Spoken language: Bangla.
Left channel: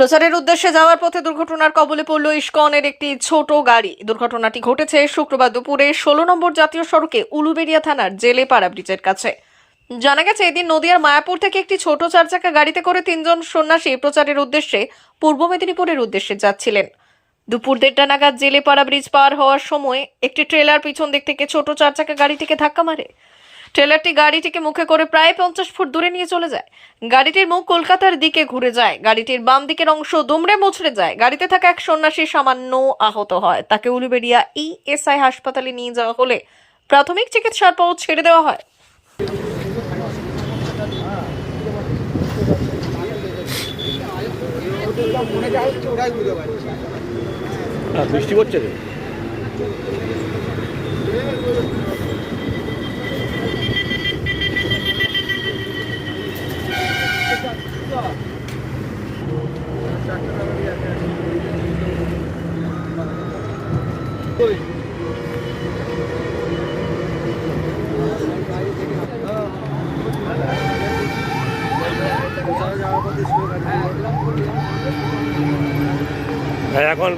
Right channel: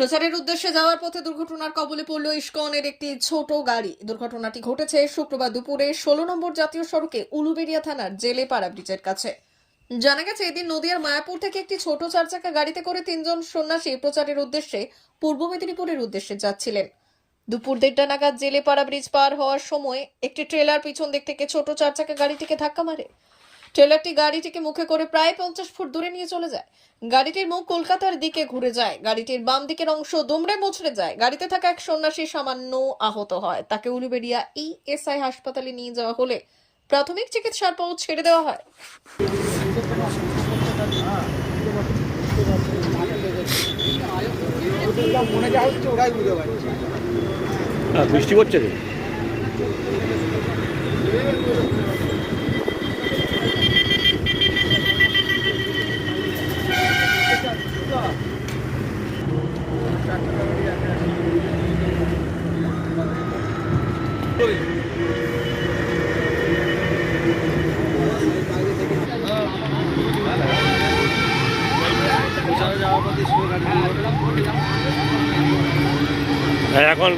প্রচারের উদ্দেশ্যে যাওয়ার পথে দুর্ঘটনার কবলে পড়ল ইসকনের একটি ছোট গাড়ি। দুর্ঘটনাটি ঘটেছে শুক্রবার দুপুরে 16 নম্বর জাতীয় সড়কে উলুবেড়িয়া থানার জেলেপাড়া ব্রিজের কাছে। জানা গেছে, এদিন নদিয়ার মায়াপুর থেকে একটি ছোট চারচাকা গাড়িতে করে তিনজন সন্ন্যাসী প্রচারের উদ্দেশ্যে পূর্ব মেদিনীপুরের উদ্দেশ্যে যাচ্ছিলেন। দুপুর 1:30 নাগাদ জেলেপাড়া ব্রিজ পার হওয়ার সময় একটি ট্রেলার পিছন দিক থেকে ছোট চারচাকা গাড়িটিকে ধাক্কা মারে। ট্রেলারটি গাড়িটিকে মুখে করে প্রায় 50 ফুট দূরে নিয়ে চলে যায়। গাড়িটির মুখ কলকাতার দিকে ঘুরে যায়। গাড়িটির বাম দিকের অংশ দুমড়ে মুচড়ে যায়। গাড়িতে থাকা এক সন্ন্যাসী সামান্য আহত হয়। তাকে উলুবেড়িয়া ইএসআই হাসপাতালে নিয়ে যাওয়া হলে প্রাথমিক চিকিৎসার পর ছেড়ে দেওয়া হয়। বৃষ্টি পড়ছে রে। এখন